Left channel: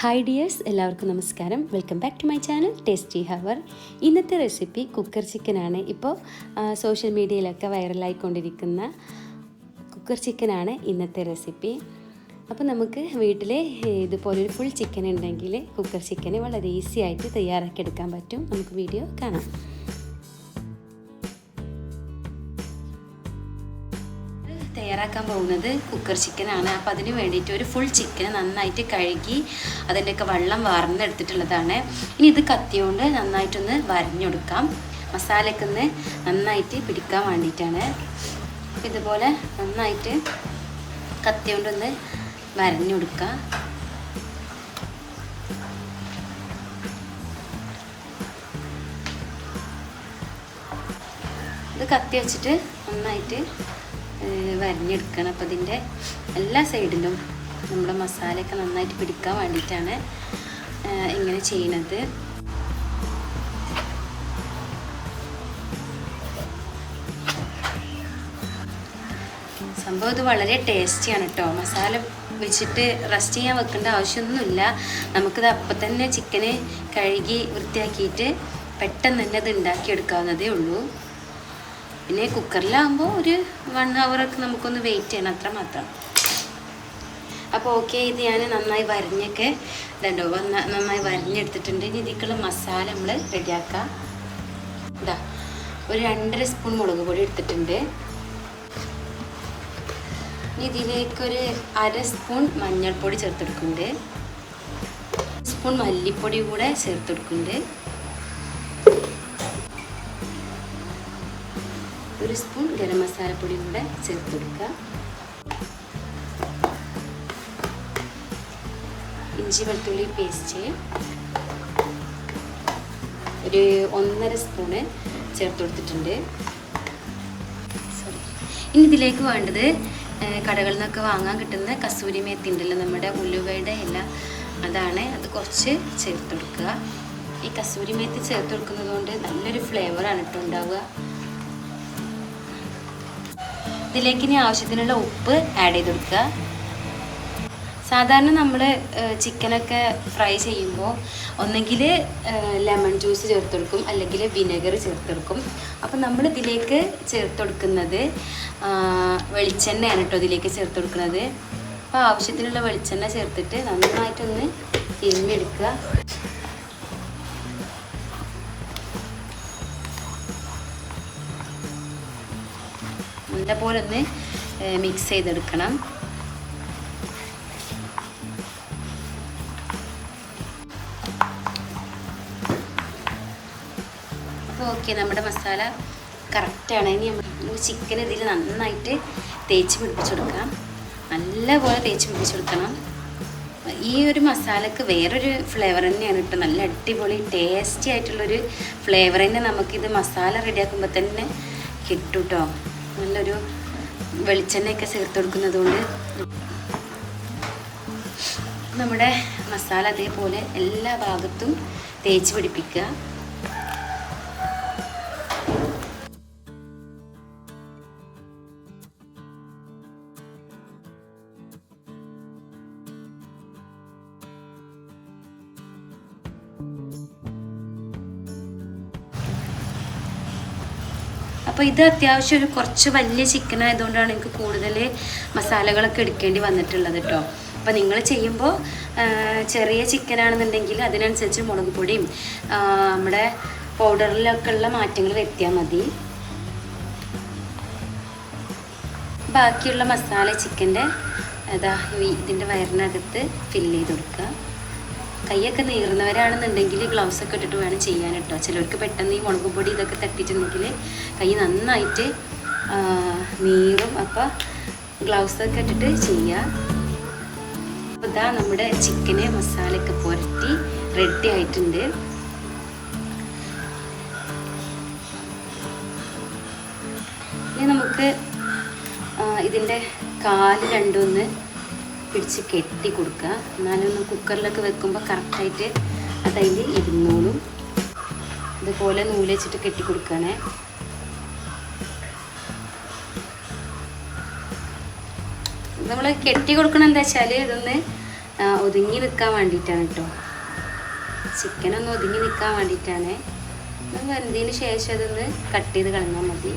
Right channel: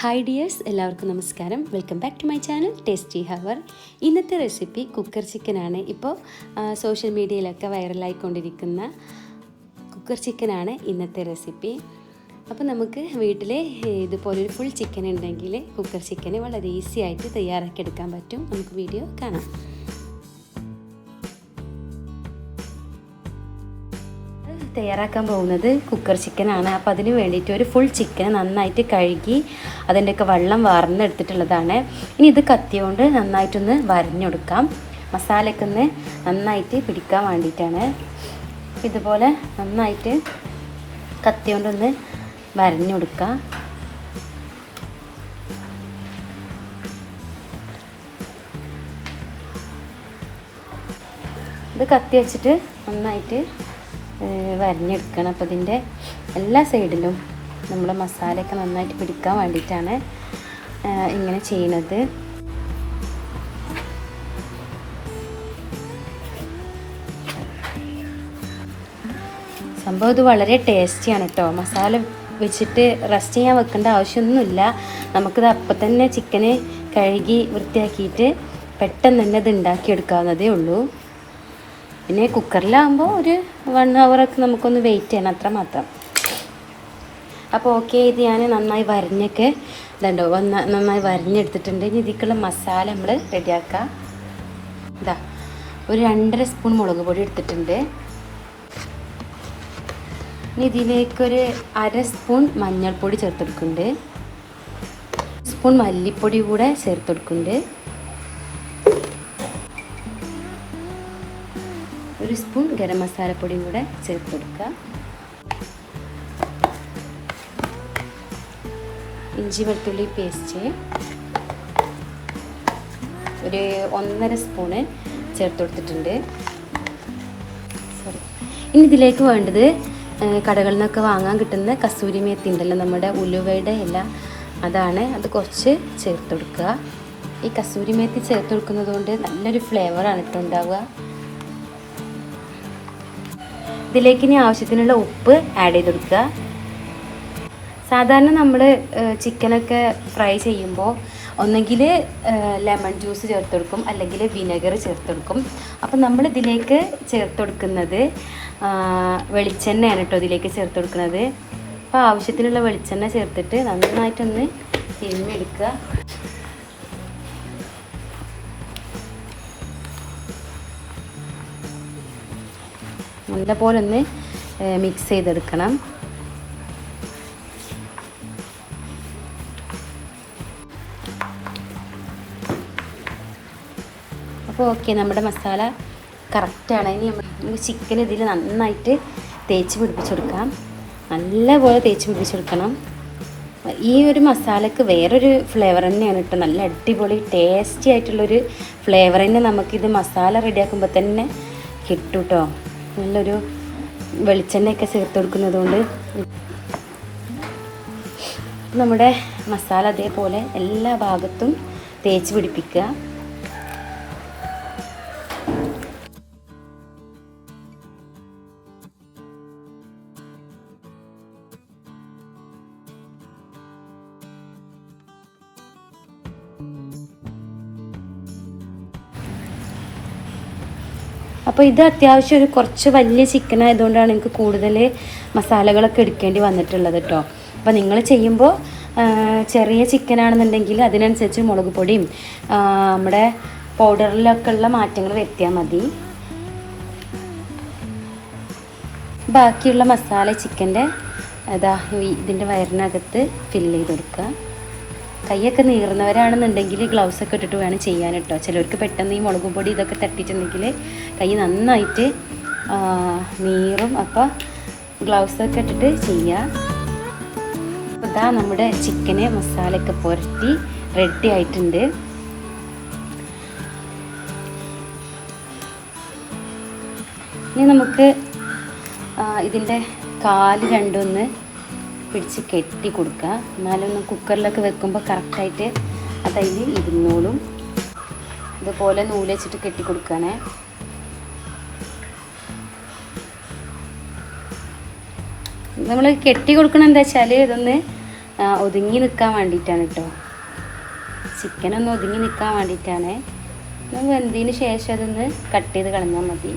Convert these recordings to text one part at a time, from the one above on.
Hi dears, എല്ലാവർക്കും നമസ്കാരം. Welcome back to my channel tasty hour. ഇന്നത്തെ റെസിപ്പി കുക്കർ ചിക്കനാണ്. ഇപ്പോൾ സോഷ്യൽ മീഡിയയിലൊക്കെ വൈറലായിക്കൊണ്ടിരിക്കുന്ന കുക്കർ ചിക്കനാണ് ഇന്നത്തെ റെസിപ്പി. അപ്പോൾ നമുക്ക് വീട്ടിൽ ഇതുപോലൊരു ഫുൾ ചിക്കൻ ഉണ്ടെങ്കിൽ കുക്കർ ചിക്കന് വളരെ ഈസി ആയിട്ട് തയ്യാറാക്കിയെടുക്കാൻ പറ്റും. നമുക്ക് വീഡിയോ കാണാം. തയ്യാറാക്കാൻ പോകുന്നത് കുക്കർ ചിക്കനാണ്. അപ്പോൾ അതിന് വേണ്ടിയിട്ട് ഒരു ഫുൾ ചിക്കൻ നന്നായിട്ട് കഴുകി അതിൻ്റെയൊക്കെ വെള്ളം വാർന്നെടുത്തിട്ടുള്ളതാണ്. ഇനി ഇത് കത്തിയോണ്ട് നന്നായിട്ടൊന്ന് വരഞ്ഞെടുക്കാം. മസാലയൊക്കെ ഒന്ന് നന്നായിട്ട് പിടിക്കാൻ വേണ്ടിയിട്ടാണ്. ഇതുപോലെ നന്നായിട്ട് കത്തിയോണ്ടൊന്ന് വരഞ്ഞെടുക്കാം. ഇത് കത്തി വെച്ചിട്ട് നന്നായിട്ട് വരഞ്ഞെടുക്കണം. അപ്പോൾ ഇതിൻ്റെ എല്ലാ സൈഡിലും നമ്മുടെ മസാലയൊക്കെ നന്നായിട്ട് പിടിക്കാൻ വേണ്ടിയിട്ടാണ് ഇങ്ങനെ ചെയ്യുന്നത്. സംഭവം ഇത് വളരെ ടേസ്റ്റിയാണ് കേട്ടോ. മസാല വെച്ചിട്ട് റെസ്റ്റ് ചെയ്യാൻ വെക്കേണ്ട ആവശ്യമൊന്നുമില്ല. നമുക്കിത് അപ്പം തന്നെ ചിക്കന് കഴുകി വൃത്തിയാക്കിയിട്ട് പെട്ടെന്ന് തന്നെ ഇത് ഉണ്ടാക്കിയെടുക്കാവുന്നതേ ഉള്ളൂ. പിന്നെ കുക്കറിലാകുമ്പോൾ ഒരു 1 hour നമുക്കൊന്ന് വെയിറ്റ് ചെയ്യണം, അത്ര മാത്രം. അപ്പോൾ ഓക്കെ, ഇത് ഞാൻ നന്നായി വരഞ്ഞൊക്കെ ഇതുണ്ടോ നന്നായി വരഞ്ഞെടുത്തിട്ടുണ്ട്. ഇനി ഇതിലേക്കുള്ള മസാല നമ്മൾ റെഡിയാക്കാം. ഇതാ ഒരു 2.5 സ്പൂൺ മുളക് പൊടി എടുത്തിട്ടുണ്ട്. ഇനി ഇതിലേക്കൊരു 1/2 സ്പൂൺ മഞ്ഞൾപ്പൊടി ചേർത്തെടുക്കുന്നുണ്ട്. സ്പൂൺ മല്ലിപ്പൊടി കൂടെ ചേർത്തെടുക്കുന്നുണ്ട്. 1 സ്പൂൺ ഗരം മസാലപ്പൊടി കൂടെ ചേർത്ത് കൊടുക്കുക. ഇഞ്ചി വെളുത്തുള്ളി പേസ്റ്റ് ഒരു 1.5 സ്പൂണ് ചേർത്ത് കൊടുത്തിട്ടുണ്ട്. ഇനി ഇതിലേക്ക് വേണ്ടത് കടകളിൽ നിന്നൊക്കെ വാങ്ങാൻ കിട്ടുന്ന കസൂരി മേത്തി ഉണ്ടല്ലോ, നമ്മുടെ ഉലുവയുടെ ഇല, അതാണ്. അത് കുറച്ച് ചേർത്ത് കൊടുക്കുക. ഈ കസൂരി മേത്തി ചേർത്ത് കൊടുക്കുന്നത് കൊണ്ട് നല്ലൊരു ഫ്ലേവറാണ് ഇപ്പോൾ ഉണ്ടാവുക. ഇതിലേക്ക് ഇനി ആവശ്യത്തിനുള്ള ഉപ്പ് ആഡ് ചെയ്ത് കൊടുക്കുക. സാധാരണ നമ്മൾ ചിക്കനൊക്കെ ഫ്രൈ ചെയ്യുമ്പോൾ ഒന്നെങ്കിൽ ലെമൺ ജ്യൂസ് ചേർത്ത് കൊടുക്കും, അല്ലെങ്കിൽ വിനെഗർ ചേർത്ത് കൊടുക്കും. അപ്പം നമ്മൾ ഇതിലേക്ക് ചേർത്ത് കൊടുക്കുന്നത് വെളിച്ചെണ്ണയാണ് കേട്ടോ. ഇതിലേക്ക് ചേർത്ത് കൊടുക്കുന്നത്. അപ്പോൾ ആവശ്യത്തിനുള്ള വെളിച്ചെണ്ണ ചേർത്തിട്ട് നന്നായിട്ടൊന്ന് തിരിഞ്ഞെടുക്കുക. നല്ലപോലെ ഒന്ന് മിക്സ് ചെയ്തെടുക്കണം. അപ്പോൾ ഓക്കെ, നമ്മുടെ മസാല കറക്റ്റാണ്. ഇനി നമ്മൾ ചിക്കൻ ഇതിൽ നന്നായിട്ട് തേച്ച് പിടിപ്പിച്ചെടുക്കാം. നല്ലപോലെ തേച്ച് പിടിപ്പിച്ചെടുക്കണം. ഈ ഒരു മസാലക്ക് വേറൊരു ഫ്ലേവർ തന്നെയാണ് കേട്ടോ. നല്ല അടിപൊളി ടേസ്റ്റി ആയിട്ടുള്ളൊരു ഫ്ലേവർ തന്നെ നമുക്കിത് മസാല റെഡിയാക്കുമ്പോൾ തന്നെ കിട്ടും കേട്ടോ. നല്ലൊരു വെളിച്ചെണ്ണയൊക്കെ ചേർത്ത് കൊടുക്കുന്നത് കൊണ്ട് നമ്മുടെ മസാല അതേപോലെ എല്ലാ ഭാഗത്തും തേച്ച് പിടിപ്പിക്കുക. അപ്പോൾ ഇത് അത്യാവശ്യം ഒരു കുറച്ച് വലിയ ചിക്കൻ ആയതുകൊണ്ടാണ് എനിക്ക് കൂടുതൽ മസാലകളൊക്കെ എടുക്കേണ്ടി വന്നിട്ടുള്ളത് കേട്ടോ. അപ്പോൾ നിങ്ങൾ ചെയ്യുമ്പോൾ ചെറിയ ചിക്കനാണെന്നുണ്ടെങ്കിൽ അതിനനുസരിച്ച് മുളക് പൊടിയും നമ്മുടെ പൗഡറിലൊക്കെ ഉള്ള മാറ്റങ്ങൾ വരുത്തിയാൽ മതി. ബാക്കിയുള്ള മസാല ചിക്കൻ്റെ ഇതിൻ്റെ വയറിനകത്ത് ഫില്ല് ചെയ്ത് കൊടുക്കുക. കൈയൊക്കെ നീറുന്നവരാണെന്നുണ്ടെങ്കിൽ ഗ്ലൗസൊക്കെ ഇട്ടിട്ട് വേണം ചെയ്യാൻ കേട്ടോ. ചിലർക്ക് പെട്ടെന്ന് ഈ മുളക് പൊടി ഇതൊക്കെ തട്ടിയിട്ടുണ്ടെങ്കിൽ കൈ നന്നായിട്ട് നീറും. അപ്പോൾ ഗ്ലൗസൊക്കെ ഇട്ടിട്ട് ചെയ്യുക. ഇതാ നമ്മുടെ ചിക്കനെ മസാലയൊക്കെ പുരട്ടി റെഡി ആയിട്ടുണ്ട്. ഇനി നമുക്ക് ഇതിൻ്റെ കാല് രണ്ടൊന്ന് പിടിച്ച് കെട്ടി കൊടുക്കുക. എന്നാലൊന്ന് കുക്കറിലൊക്കെ വെക്കുമ്പോൾ കറക്റ്റായിട്ട് അതതിൽ ഇരുന്നോളും. ഇതുപോലെ നൂല് വെച്ചിട്ട് കെട്ടി കൊടുക്കണേ. നമ്മൾ കെട്ടി കൊടുക്കണം എന്താ വെച്ചാൽ ഇതൊന്ന് ഒതുങ്ങി നിൽക്കാൻ വേണ്ടിയിട്ടാണ് കേട്ടോ. ചിക്കനൊന്ന് ഒതുങ്ങി നിൽക്കാൻ വേണ്ടിയിട്ടാണ്. വെന്തതിന് ശേഷം അതൊന്ന് കട്ട് ചെയ്ത് കളഞ്ഞാൽ മതി.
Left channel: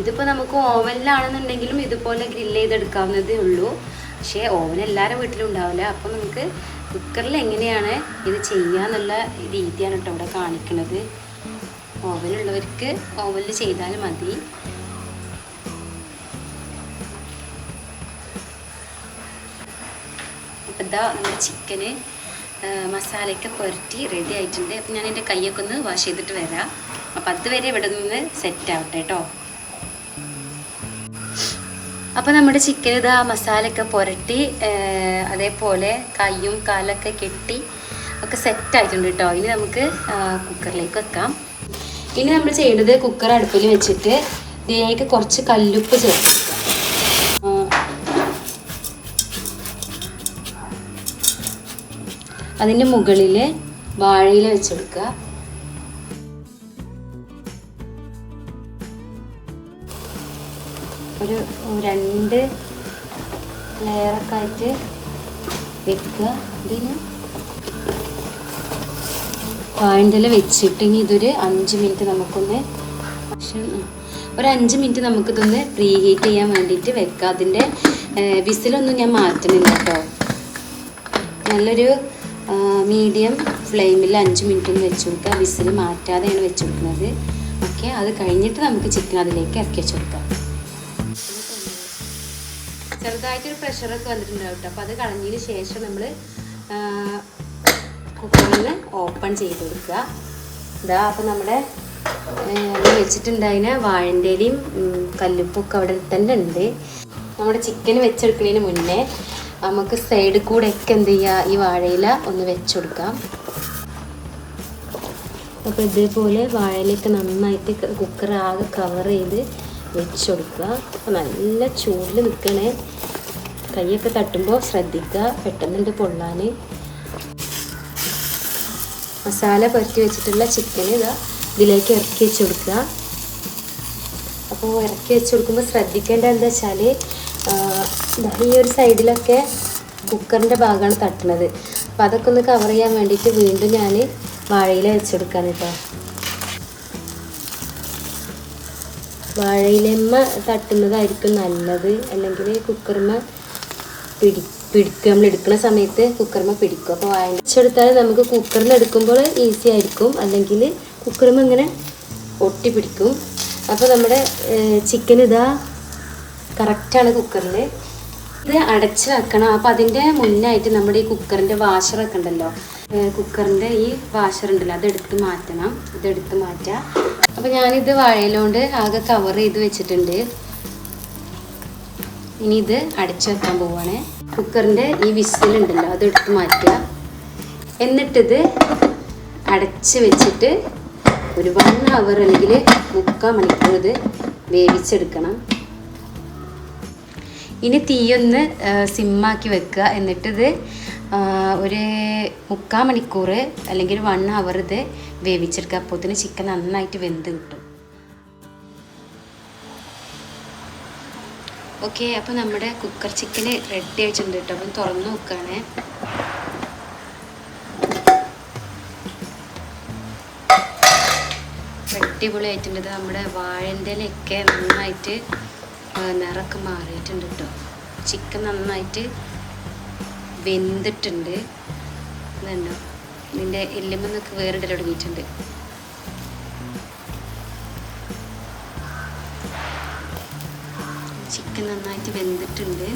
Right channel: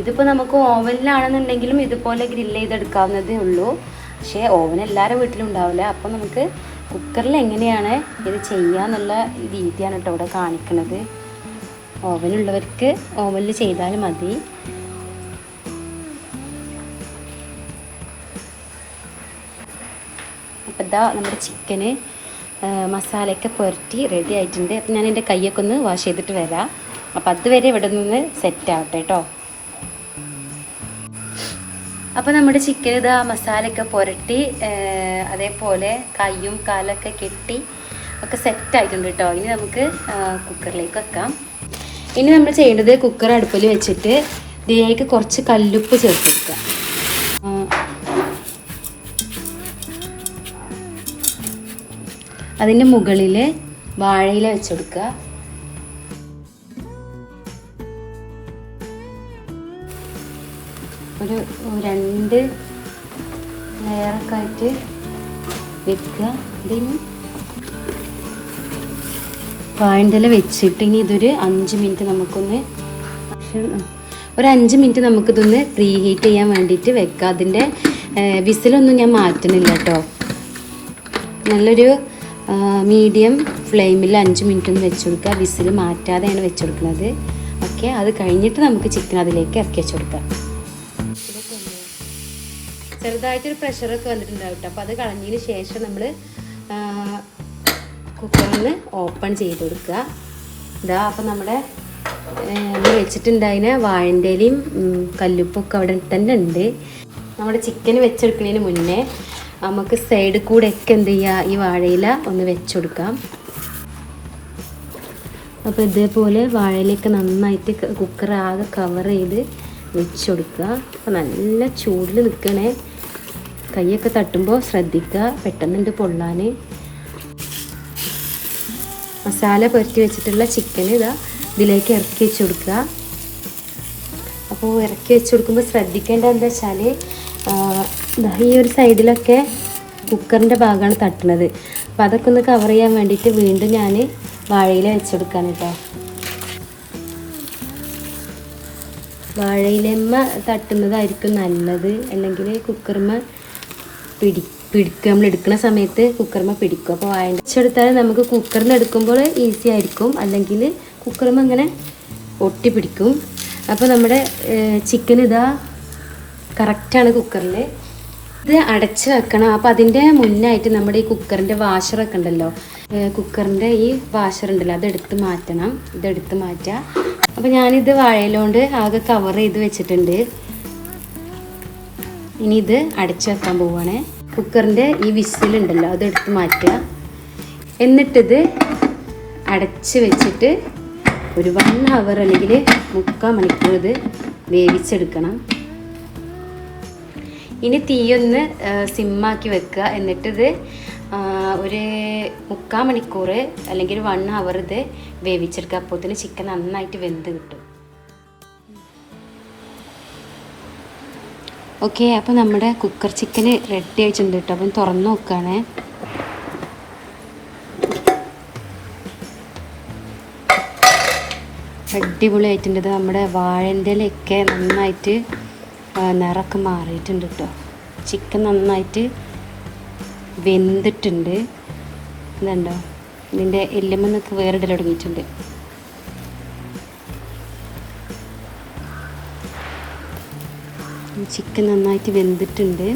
ഇതിപ്പോൾ നമുക്ക് ഓവനിലാണെന്നുണ്ടെങ്കിലും ഇതുപോലെ ഗ്രില്ല് ചെയ്തെടുക്കാവുന്നതേ ഉള്ളൂ. പക്ഷേ ഓവൻ എല്ലാവരുടെ വീട്ടിലും ഉണ്ടാവില്ല. അപ്പോൾ നമുക്ക് കുക്കറിൽ എങ്ങനെയാണ് ഇത് ചെയ്യുക എന്നുള്ള രീതിയാണ് കേട്ടോ ഇവിടെ കാണിക്കുന്നത്. ഓവനുള്ളവർക്ക് ഓവനിൽ ചെയ്താൽ മതി. അപ്പോൾ ഇതാ നമ്മുടെ ചിക്കന് മസാലയൊക്കെ പുരട്ടി റെഡി ആയിട്ടുണ്ട്. അപ്പോൾ ഞാൻ എൻ്റെ കൈയൊക്കെ ഒന്ന് വാഷ് ചെയ്തിട്ട് വരാം. അപ്പോൾ അതുവരെ ഇവിടെ നിന്ന് സെറ്റ് ആവട്ടെ കേട്ടോ. അപ്പോൾ നമ്മുടെ ചിക്കൻ ഇതാ മസാലയൊക്കെ പുരട്ടി അതേപോലെ കയ്യും കാലൊക്കെ കെട്ടി ഒക്കെ സെറ്റായിട്ടുണ്ട് കേട്ടോ. ഇനി നമുക്ക് കുക്കറിലേക്ക് വെക്കാം. ഇനി നമ്മൾ ചെയ്യേണ്ടത് കുക്കർ അടുപ്പിൽ വെച്ചിട്ട് ഇതിലേക്ക് കുറച്ച് കല്ലുപ്പ് ചേർത്തെടുക്കുക. അതിൻ്റെ മുകളിൽ വാഴയില വെച്ചെടുക്കുക. ഒരു 2 ലെയറൊക്കെ ആയിട്ട് വെക്കുക. ഇതിന് വാഴയില വെച്ചിട്ട് ഇനി ഇതൊരു 5 മിനിറ്റ് നമുക്കൊന്ന് ഒരു 5 മിനിറ്റ് നമുക്കിതൊന്ന് പ്രീ ഹീറ്റ് ചെയ്യാൻ വേണ്ടിയിട്ട് വെക്കുക. അതിൻ്റെ വിസിലൊന്നും ഞാൻ മാറ്റണില്ല കേട്ടോ. നല്ലൊരു മീഡിയം ഫ്ലെയിമിൽ 5 മിനിറ്റ് ഒന്ന് വെച്ച് കൊടുക്കുക. വിസിൽ മാറ്റാതെയാണ് വെച്ച് കൊടുക്കുന്നത്. ഓക്കെ, അത് കഴിഞ്ഞിട്ട് നമുക്ക് ചിക്കൻ അതിലേക്ക് ഇറക്കി വെച്ച് കൊടുക്കാം. ചെറുതായിട്ടൊരു പ്രഷറൊക്കെ വന്നിട്ടുണ്ടാവും കേട്ടോ. അപ്പോൾ അത് കളഞ്ഞതിന് ശേഷം നമ്മൾ കുക്കറിൽ ഓപ്പൺ ചെയ്ത് കൊടുക്കുക. ഇതാ അപ്പോൾ നമ്മുടെ വെച്ചിട്ടുണ്ടായതിന് വാഴൻ്റെ ഇലയും കല്ലുപ്പൊക്കെ അവിടെ തന്നെ ഉണ്ട്. നമ്മുടെ ചിക്കൻ വെച്ചെടുക്കുന്നതിന് മുന്നേ നമുക്ക് സൈഡിൽ കൂടെ ഒക്കെ എന്ത് ചെയ്യുക, ഈ വാഴയില ഒന്ന് വെച്ച് കൊടുക്കാം. അപ്പോൾ ഇതേപോലെ വാഴയിലൊക്കെ നന്നായിട്ട് കുക്കർ ആകെ കവർ ചെയ്ത് വെച്ച് കൊടുക്കുക. അപ്പോൾ നല്ല ചൂടിൽ നിൽക്കണേ. കൈയൊക്കെ തട്ടുമ്പോൾ ശ്രദ്ധിക്കുക, പെട്ടെന്നുണ്ട് പൊള്ളാൻ. മസാല പുരട്ടി വെച്ചിട്ടുള്ള ചിക്കൻ ഇതാ ഇതിലേക്ക് ഇറക്കി വെച്ച് കൊടുക്കുക. അപ്പോൾ ഇറക്കി വെച്ച് കൊടുക്കുമ്പോൾ ശ്രദ്ധിക്കേണ്ട എന്താ വെച്ചാൽ ഈ ഒരു സൈഡിലൊക്കെ കുക്കറിൻ്റെ ഭാഗമാണ് തട്ടുന്നത്. അപ്പോൾ അതൊക്കെ ഒന്ന് കവർ ചെയ്യാൻ വേണ്ടിയിട്ട് വീണ്ടും ഞാൻ വാഴയില വെച്ചെടുക്കുകയാണ് കേട്ടോ. വാഴയിലമ്മ തട്ടുന്നതായിരിക്കും നല്ലത്, അല്ലെങ്കിൽ കുക്കറിമ നമ്മൾ എടുക്കുന്ന സമയത്ത് കുക്കറിമ പിടിക്കും. അപ്പോൾ വാഴ വെച്ചെടുത്താൽ നമുക്ക് കുക്കറിൽ നിന്ന് എടുക്കുമ്പോൾ ഈസി ആയിരിക്കും, അല്ലെങ്കിൽ കുക്കറിമ ഇങ്ങനെ ഒട്ടി പിടിക്കും. അപ്പോൾ നമ്മുടെ ചിക്കൻ ഇതാ കറക്റ്റാണ് കുക്കറിൽ. ഇത് അടച്ച് വെക്കണം. അപ്പോൾ അതിൻ്റെ മുന്നായിട്ട് നമ്മുടെ ഈ കുക്കറിൻ്റെ വാഷറൊക്കെ ഉണ്ടല്ലോ, കുക്കറിൻ്റെ ഈ വാഷറുണ്ടല്ലോ, അതെടുത്ത് മാറ്റണം. ഇതെടുത്ത് മാറ്റുക. അപ്പോൾ ഞാനിത് വാഴയിലോണ്ട് ആകെ കവർ ചെയ്ത് വെച്ചിട്ടുണ്ട്. ഇനി ഇത് അടച്ചു വെക്കാൻ പോവുകയാണ്. കുക്കറിൻ്റെ ഈ വിസിലുണ്ടല്ലോ അതെടുത്ത് മാറ്റുക. എന്നിട്ടിത് അടച്ച് വെച്ചിട്ട് ഒരു 1 അവർ അല്ലെങ്കിൽ 3/4 മണിക്കൂർ ഇത് വേവിച്ചെടുക്കണം. ഇനി തീയൊന്ന് സിമ്മാക്കി വെക്കുക. എന്നിട്ടിത് ഒരു 3/4 മണിക്കൂർ അല്ലെങ്കിൽ 1 അവർ ഇത് വേവിച്ചെടുക്കുക. അപ്പോൾ ഇതിന് ചിക്കൻ നന്നായിട്ട് വെന്ത് കിട്ടും. ഓക്കെ, അപ്പോൾ നമ്മുടെ കുക്കർ ചിക്കന് റെഡി ആയിട്ടുണ്ട് കേട്ടോ. അപ്പം തുറന്ന് നോക്കുകയാണ്. അടിപൊളിയായിട്ടുണ്ട്. നമ്മുടെ വാഴൻ്റെ ഇലയൊക്കെ നന്നായിട്ട് നിറമൊക്കെ മാറിയിട്ടുണ്ട് കേട്ടോ. ചിക്കൻ നന്നായിട്ട് വെന്തിട്ടുണ്ട്. ഇതുണ്ടോ, ഇതിൻ്റെ എല്ലുമെന്നൊക്കെ വേറിടൽ തുടങ്ങിയിട്ടുണ്ട്. ചിക്കൻ നന്നായിട്ട് വെന്തിട്ടുണ്ട്.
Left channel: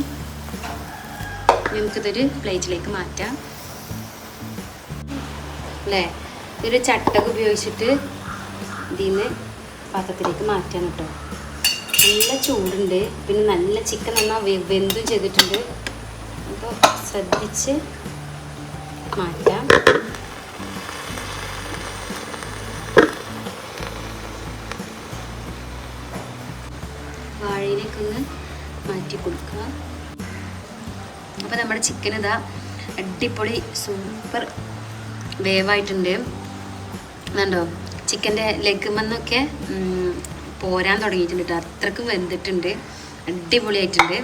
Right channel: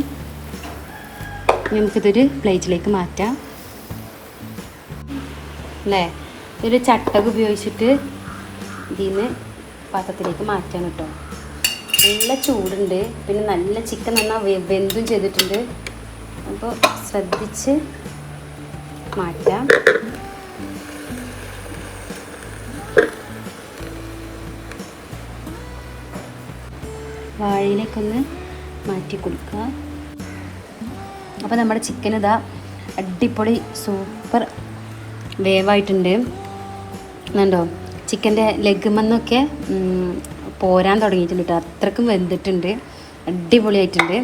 നമുക്കിതൊരു പ്ലേറ്റിലേക്ക് മാറ്റാം അല്ലേ. ഒരു ചട്ടക ഉപയോഗിച്ചിട്ട് ഇതിൽ നിന്ന് പാത്രത്തിലേക്ക് മാറ്റാൻ കേട്ടോ. നല്ല ചൂടുണ്ട്, പിന്നെ നല്ല ചിക്കൻ നന്നായി വെന്തും ചെയ്തിട്ടുണ്ട്. അപ്പോൾ ശ്രദ്ധിച്ച് മാറ്റാം. വാഴയിലേക്കൊന്ന് മാറ്റി കൊടുക്കുക. അപ്പോൾ നമ്മുടെ ചിക്കൻ ഇതാ അടിപൊളി സൂപ്പർ വേവായിട്ടുണ്ട്. കണ്ടോ, ചിക്കൻ്റെ ലെഗുമെന്നൊക്കെ പോരാൻ തുടങ്ങിയിട്ടുണ്ട് കേട്ടോ. അത്രക്കും വെന്തിട്ടുണ്ട്, അടിപൊളിയായിട്ടുണ്ട്.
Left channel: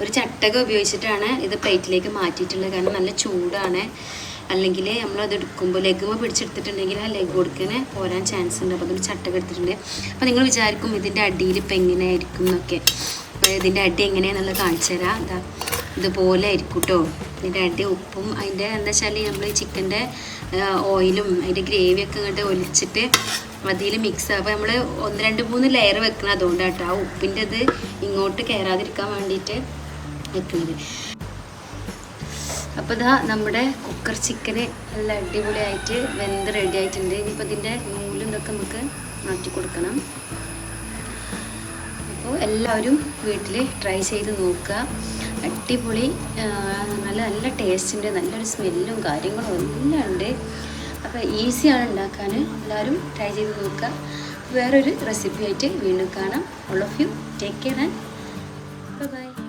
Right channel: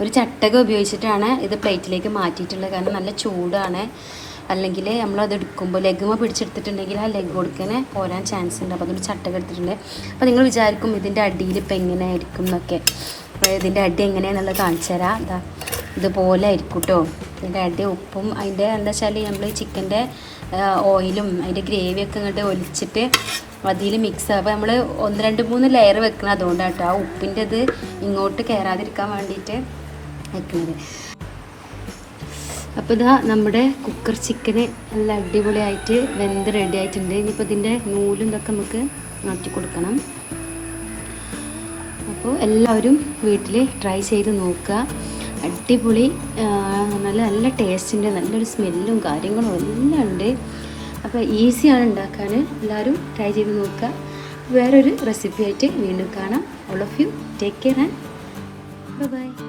ഒരു ചട്ടകം ഉപയോഗിച്ചിട്ടാണ് ഇത് പ്ലേറ്റിലേക്ക് മാറ്റിയിട്ടുള്ളത്. കാരണം നല്ല ചൂടാണ്. അല്ലെങ്കിൽ നമ്മളത് എടുക്കുമ്പോൾ ലെഗുമ പിടിച്ചെടുത്തിട്ടുണ്ടെങ്കിൽ ആ ലെഗ് കൊടുക്കണേ പോരാൻ ചാൻസ് ഉണ്ട്. അപ്പോൾ അതൊരു ചട്ടകം എടുത്തിട്ടുണ്ട്. അപ്പോൾ നിങ്ങൾ വിചാരിക്കും ഇതിൻ്റെ അടിയിൽ ഇപ്പം എങ്ങനെയായിരിക്കും എന്നൊക്കെ. അപ്പോൾ ഇതിൻ്റെ അടി എങ്ങനെയാണെന്നുള്ളത് കാണിച്ചു തരാം. ഇതാ ഇതുപോലെ ആയിരിക്കും കേട്ടോ. ഇതിൻ്റെ അടി ഉപ്പും അതിൻ്റെ എന്താ വെച്ചാൽ നമ്മൾ ചിക്കൻ്റെ ഓയിലും അതിൻ്റെ ഗ്രേവിയൊക്കെ ഇങ്ങോട്ട് ഒലിച്ചിട്ട് അതിൽ മിക്സ് ആകും. അപ്പോൾ നമ്മൾ 1-2-3 ലെയർ വെക്കണം. അതുകൊണ്ടാണ് കേട്ടോ ആ ഉപ്പിൻ്റെ ഇത് ഇങ്ങോട്ട് കയറാതിരിക്കാൻ വേണ്ടിയിട്ട് വെക്കുന്നത്. അപ്പോൾ ഇതാ നമ്മുടെ കുക്കർ ചിക്കന് നല്ല അടിപൊളിയായിട്ട് വെന്ത് റെഡി ആയിട്ടുണ്ട്. ഇനിയിപ്പോൾ ഇതിൻ്റെ നൂലും ഇതൊക്കെ നമുക്ക് മാറ്റി കൊടുക്കണം. അപ്പോൾ എല്ലാവരും വീട്ടിൽ ട്രൈ ചെയ്ത് നോക്കുക. അടിപൊളി, നല്ല ടേസ്റ്റിൻ്റെ നല്ലൊരു സ്മെല്ലും കാര്യങ്ങളും എല്ലാം ഉണ്ട്. അപ്പോൾ ഈസിയാണ് ഉണ്ടാക്കാൻ. എല്ലാവരും ട്രൈ ചെയ്ത് നോക്കുക. വേറൊരു റെസിപ്പി ആയിട്ട് വീണ്ടും കാണാം. All of you take care and bye bye.